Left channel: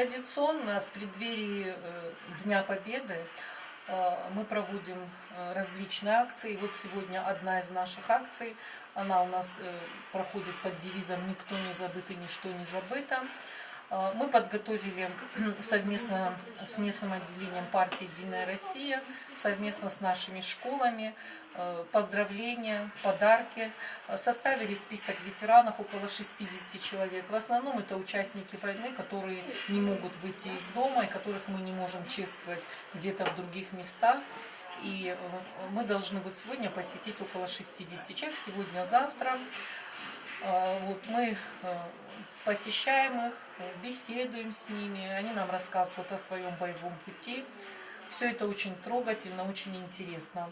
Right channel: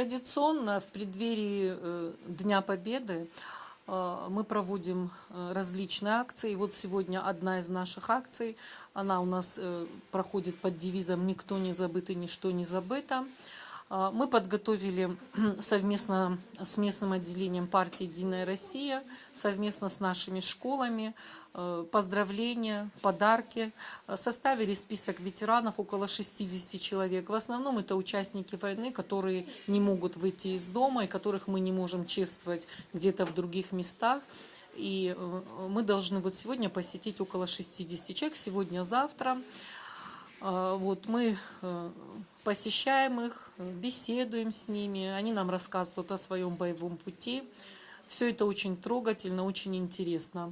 Традиционно в преддверии Дня Победы мы проводим различные акции. Вот сегодня одна из наших акций, она у нас проходит под девизом «Никто не забыт и ничто не забыто». Мы подготовили совместно с местным отделением партии «Единая Россия», совместно с нашими школами, поздравления, подарки. Составили список ветеранов, около 60 человек. В основном это участники войны, которые не могут выйти из дома и которых мы не можем чествовать где-то в других местах. И мы должны вот сегодня посетить около 60 человек, сегодня-завтра. Вот мы посещаем их, беседуем с ними, они нам рассказывают о своем боевом пути. Все это очень трогательно, очень интересно.